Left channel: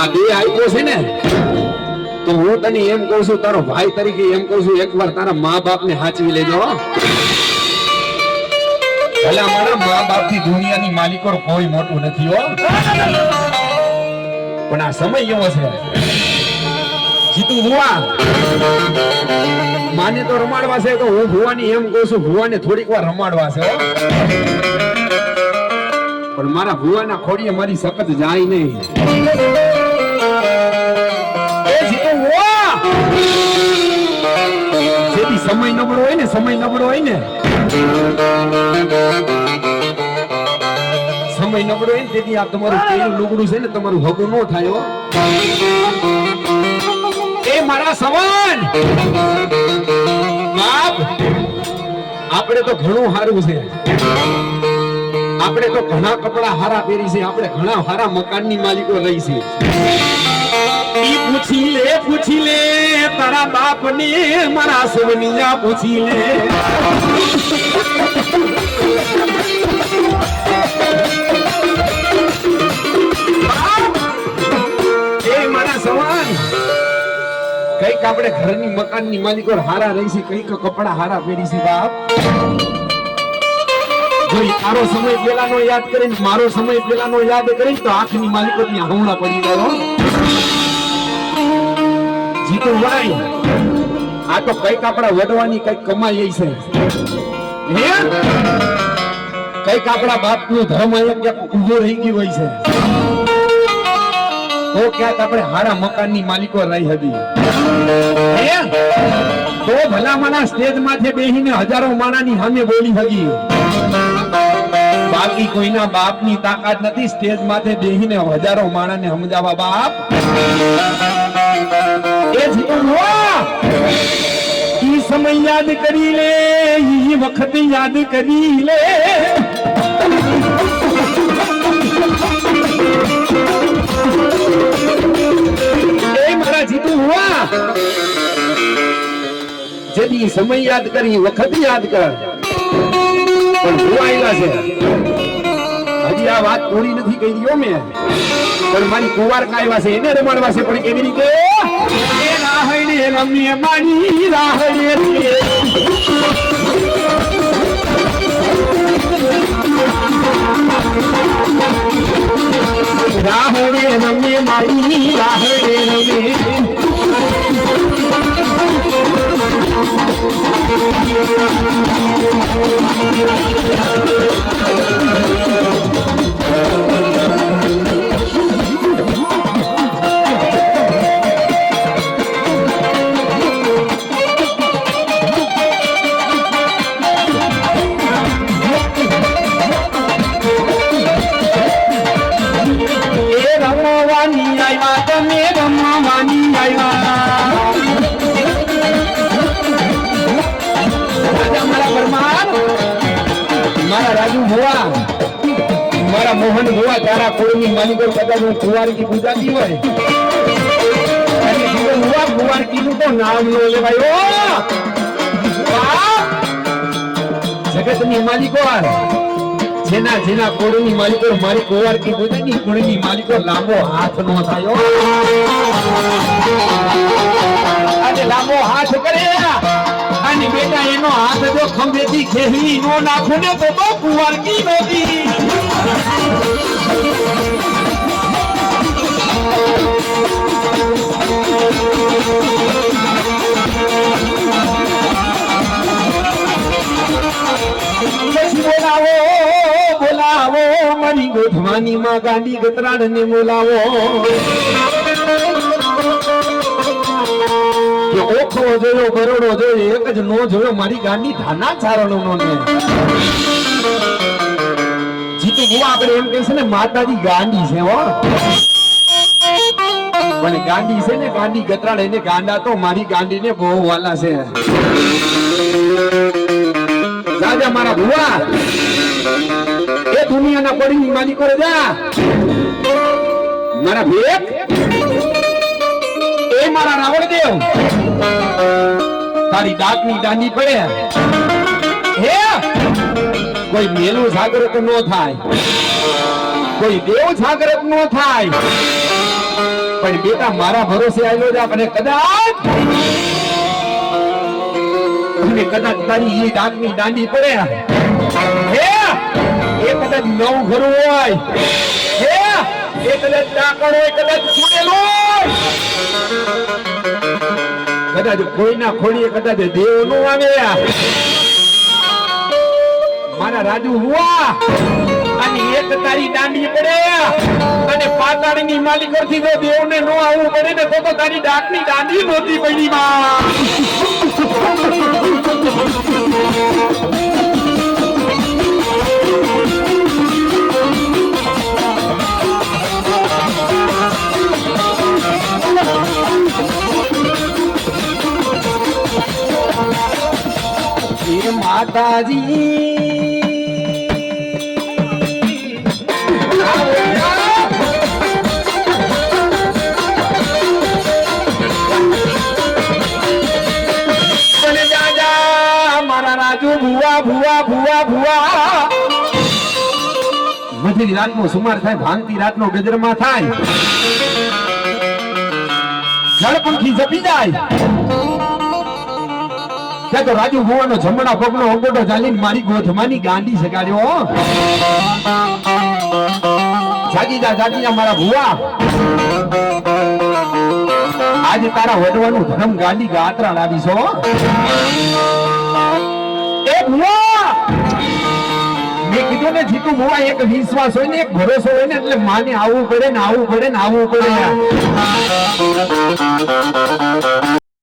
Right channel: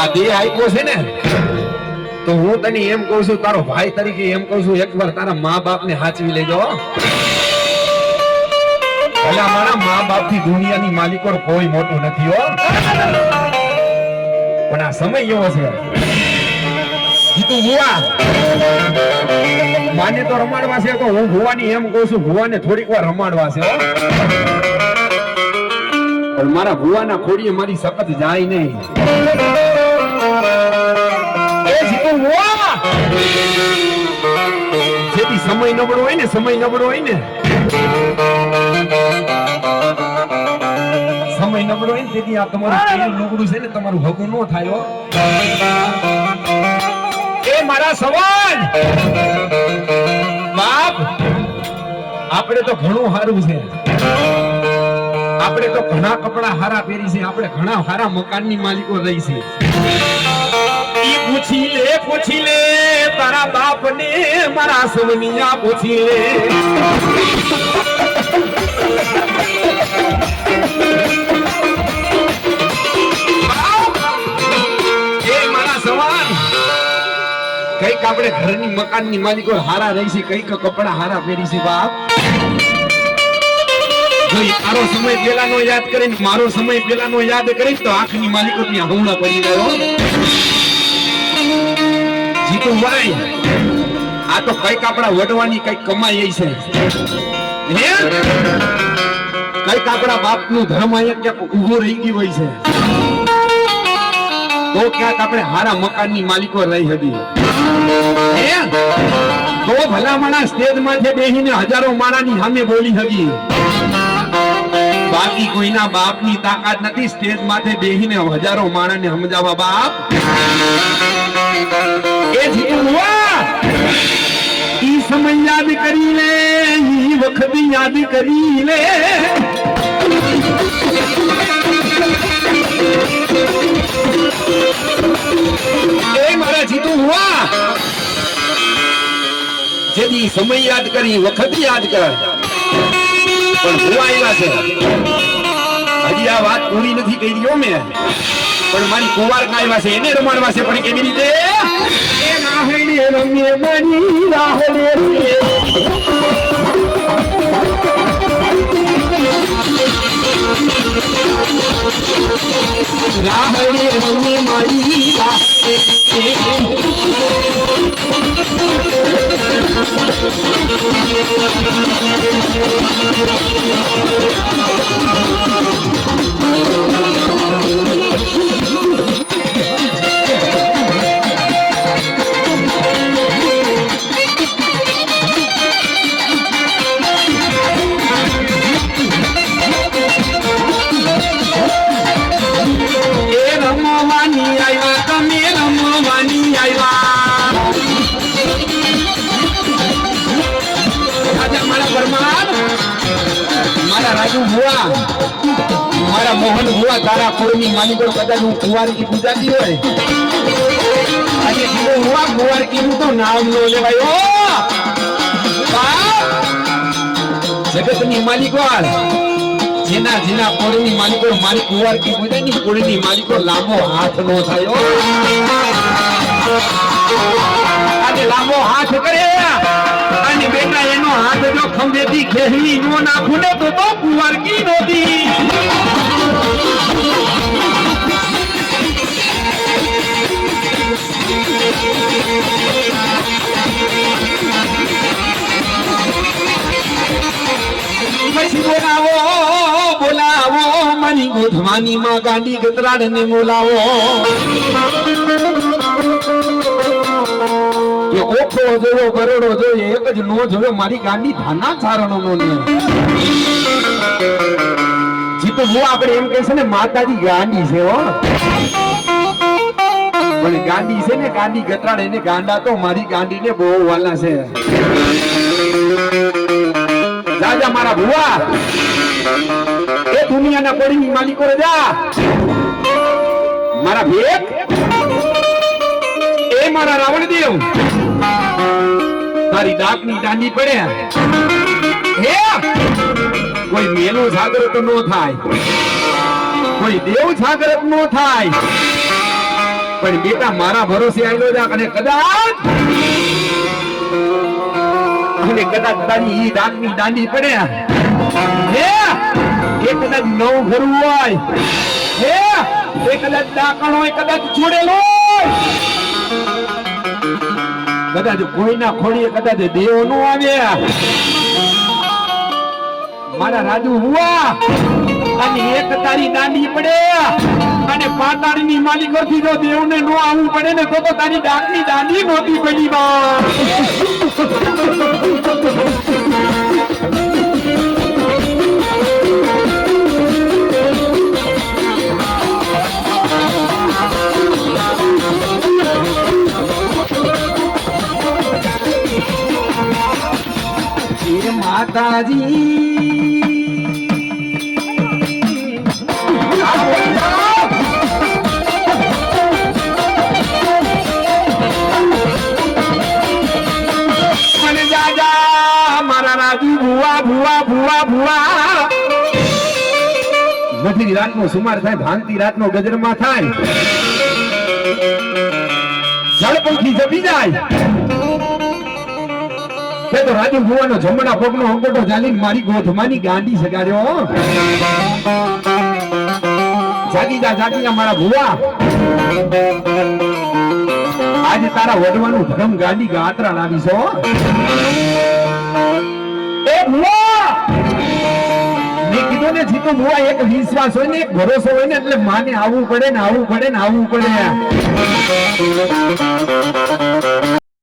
આ બે આપ્યો છે ને તો હું તને એમ કહું છું, તારો ભાઈ તરીકે એમ કહું છું, એકવાર તારા મા બાપ ને હાચવી લેજો. ભલા મારા મા બાપ થી દુનિયાની માલિકો કોઈ મોટું નથી હો, પણ આ સમય એવો છે. જીતું ભુવા માને તો રમાડવા છે, તો હું ભુવાની એમ કહું છું, ભુવાને થોડીક વાર રમાડવા છે હો. પણ મારા ભુવાના ખોડીએ મારી સખત જાય નહીં. એ જીતું ભુવા જેથી સમય નબળો હોય ને, સમય નબળો હોય ને, સમય નબળો હોય ને તેથી આ તમારું કેળું લુગડું છે ને તમારું ભગું ન થાય હો. એ મારા સવાન બાપ, આપણે તો ઘણું સારું છે, આપણે તો ઘણા કપડા હારા પહેરી છે, આપણે ઘણા હારા મકાનની માલિકો રહી છે. ઈ પૂછી લે તારા બાપ ને, મારા સવનિયા પૂછી લે. કઈક આપણે ઘરની મકાનની માલિકો હારા રહી છે, કઈક કપડા હારા પહેરી છે. બાપ જો તારો સમય પેલાનો યાદ કરીને, મારો સમય પેલાનો યાદ કરીને તો આંખની માલિકો ત્યાં હમણાં પડી ગયો. જીતું ભાઈ આ તો કઈક આપણા વડવાની કઈક કમાઈ છે, કઈક આપણા બાપનું ધર્મ અહીંયા ક્યાંક ઉભો રહી ગયો હોય છે, તો ક્યાંક આપણે હારા મકાનની માલિકો રહી હતી. તો ભલા માણા સ્ટેજ માંથી બેહીને હજારો માણાની સામે બોલી હતી. બાકી કોઈના બાપની તાકાત નથી સ્ટેજ માથે બેહીને હજારો માણાને સમજાવવા. બાપ એ જીવવા ઈ સમય યાદ કરી લે, ઈ વખત યાદ કરી લે. એ મારા જીતું હુઆ જેથી સમય યાદ કરી, વખત યાદ કર. પણ હુઆ એવા છે હજી આ વાત પૂરી નથી કરી હો મેં, પણ મારી કુંવાર કાયવા છે એને રમાડવા છે. પણ કેવી રીતે? એ રાહડીએ રમીએ મારી રાહડીએ રાહડીએ રમીએ મારી રાહડીએ રમીએ. મારા મોહન ભુવા તારા કોઈની માલિકો કદાચ હું કુંવારી પૂજાતી હોય, આજે કીધું હુઆ કુંવાર કીધું તો નામ ન લેવાય. જગતની માલિકો જેના જેના કોળની માલિકો મારી કુંવાર કી પૂજાની કોળની માલિકો લાંબો હાથ નો થાય. આજે લાંબો હાથ કરે અને બેટા એનો હાથ જો ખંભેથી ખેહી નો નાખું ને તો કુંવાર કી નોતી. પછી બોલાવો મારી ગોઠવાની માં ગાંડી ગતરાડ ને બોલાવો. ઓખો જોયો બરોડો જોયો એક જ નો જોયો મારી ગાંડી ધાના ચારણો નો ને. જીતુ ભુવા આપણે એમ કહે છે ને માતાજી ગાંડી છે હો, પણ ગાંડી છે ને ગાંડી ગતરાડ એને ગાંડા તો મારી ગાંડી ને બહુ વાલા છે. રાજા મારા ભુવા એ દુનિયાના કોડીની માલિકો જા મારા ભેટ એ મારા રાવણદેવ તારી ડાકની દાંડી પડે હે. કોઈ મેલું જાગૃત નો થાય, કોઈ દેવ જાગૃત નો થાય. પણ બેટા મારા ભરોસે આવેલો છે અને કદાચ તારી ઈ દાંતની દાંડી પડે હે એ કદાચ નવ ઘરું હોય હે એ કદાચ ડાકણ હોય કદાચ છોડેલો હોય કદાચ કોઈના ખોડીએ કદાચ દેવ નો આવે મારા રાજુ હુઆ અને એક તારી દાંડી પડે અને પાતાળની માલિકોથી જો દેવને નો આવવું પડે ને તો તારી ડાકની દાંડી નહોતી પડી માં એ માતાજી મારા રાજુ ભુવા ભુવા ભુવા ભુવા નથી રાતનો સુમાર થાય ભાંગતી રાતનો ગજરમાં થાય જળપંખી જપી જાય તો રાજુ ભુવાનો જમણા પગનો અંગોટો ચાલીને મારી ગોઠમાની ગાંડી સગાડ્યો જાગી જા મારા ભુવા આજે તારા વડવાનું ધર્મ ગાંડી ગાત્રા લાવીશો એ ભુવા મેં કીધું ને જીતું ભુવા એક વિશ્વાસ હોય ને એક ભરોસો હોય ને એટલે માને આવવું પડે ને આવવું પડે ને આવવું પડે